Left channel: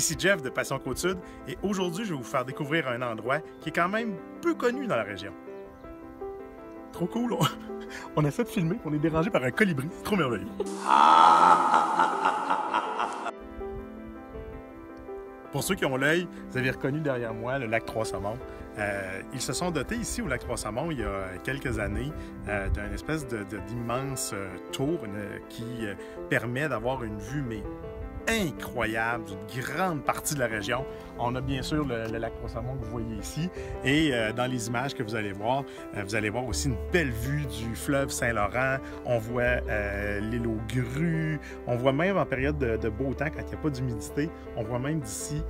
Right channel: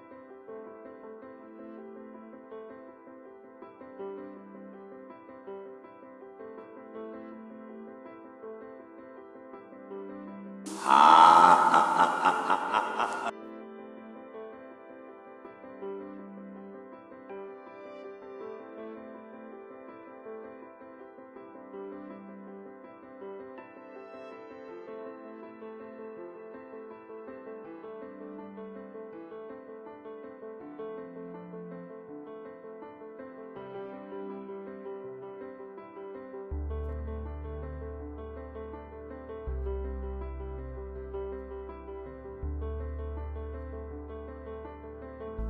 Ici Jeff de Passion Côte-Sud et aujourd'hui je vais vous faire découvrir un endroit qui est quand même peu connu dans la région. Trop cool, on essaie de filmer, on est dérangé par un colibri, c'est trop merveilleux. Pour ceux qui ont l'œil, vous avez reconnu derrière moi le lac Trois-Saumons. Ils se sont dotés ici au lac Trois-Saumons il y a quelques années d'une espèce d'immense tour qui permet d'avoir une vue mais incroyable d'une grande partie de la région. On a bien sûr le lac Trois-Saumons que vous voyez ici et dans les images que vous allez voir aussi une belle vue du fleuve Saint-Laurent. On voit l'île aux grues, on voit même en période de beau temps quand il n'y a pas d'humidité, on voit même d'ici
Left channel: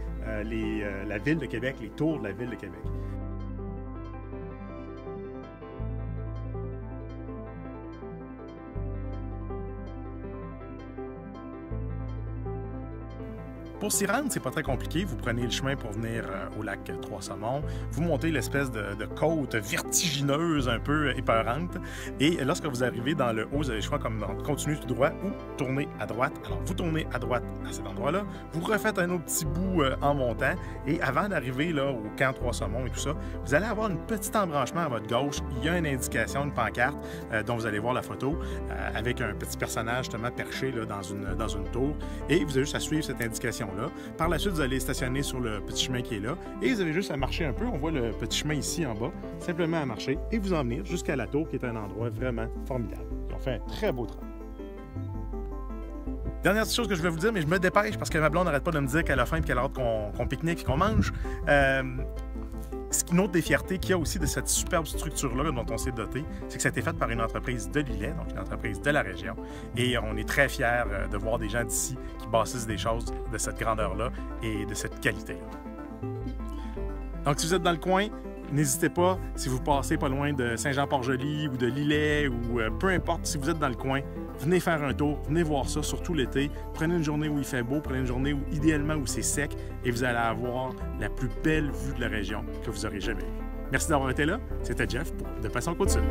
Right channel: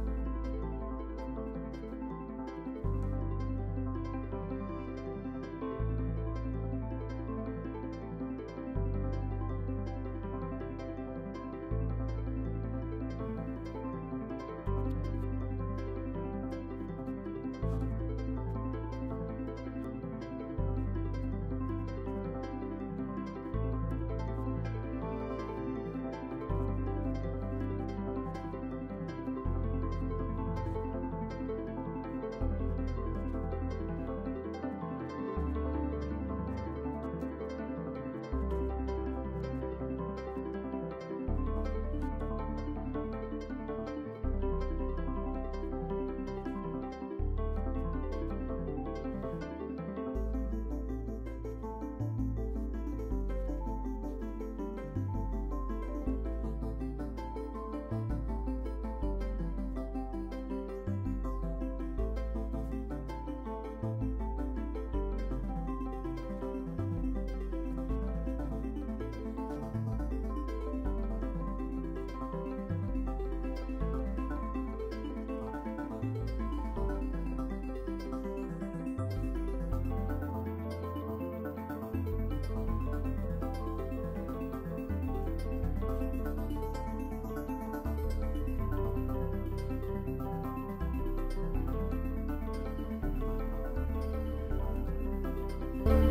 la ville de Québec, les tours de la ville de Québec. Pour s'y rendre, c'est pas très compliqué. Vous prenez le chemin pour venir au lac Trois-Saumons. Vous montez l'espèce de côte vertigineuse, un peu épeurante. Et lorsque vous arrivez dans le haut, vous avez le choix comme continuer tout droit ou tourner à droite. Alors, vous tournez à droite à cet endroit-là. Vous refaites un autre petit bout en montant. Et avant d'arriver là au camp Trois-Saumons et tout ça, vous allez avoir un petit embranchement à votre gauche. Il y a une indication, une pancarte dont vous allez voir la photo avec un petit personnage justement perché là, dans une tour. Et vous avez juste à suivre cette indication. Par la suite, vous allez stationner sur le petit chemin qui est là et vous avez juste à marcher un peu. On voit le petit chemin ici en bas, simplement à marcher et vous en venir jusqu'à la tour qui est un endroit vraiment formidable. On fait un très beau travail. Dernière chose que je vais vous dire, mais je me dépêche parce que ma blonde n'arrête pas de me dire qu'elle a faim et qu'elle a hâte qu'on pique-nique et qu'on mange. Une autre des fiertés qu'il y a aussi de cette superbe structure-là dont on s'est doté, c'est que ça a été fait par une entreprise de Lillet, donc une entreprise de la région. Et on est très fiers de voir des gens d'ici qui bâtissent des choses de cette grandeur-là et de cette qualité-là. Donc si vous êtes dans le coin, n'hésitez pas, si vous passez pas loin de Saint-Jean-Port-Joli ou de Lillet ou peu importe, si vous êtes dans le coin, venez faire un tour, venez voir ça, surtout l'été. Prenez une journée où il fait beau, prenez une journée où idéalement où c'est sec et vous allez avoir la plus belle vue de la région que vous aurez jamais vue. Merci d'avoir été là, c'était Jeff de Passion Côte-Sud.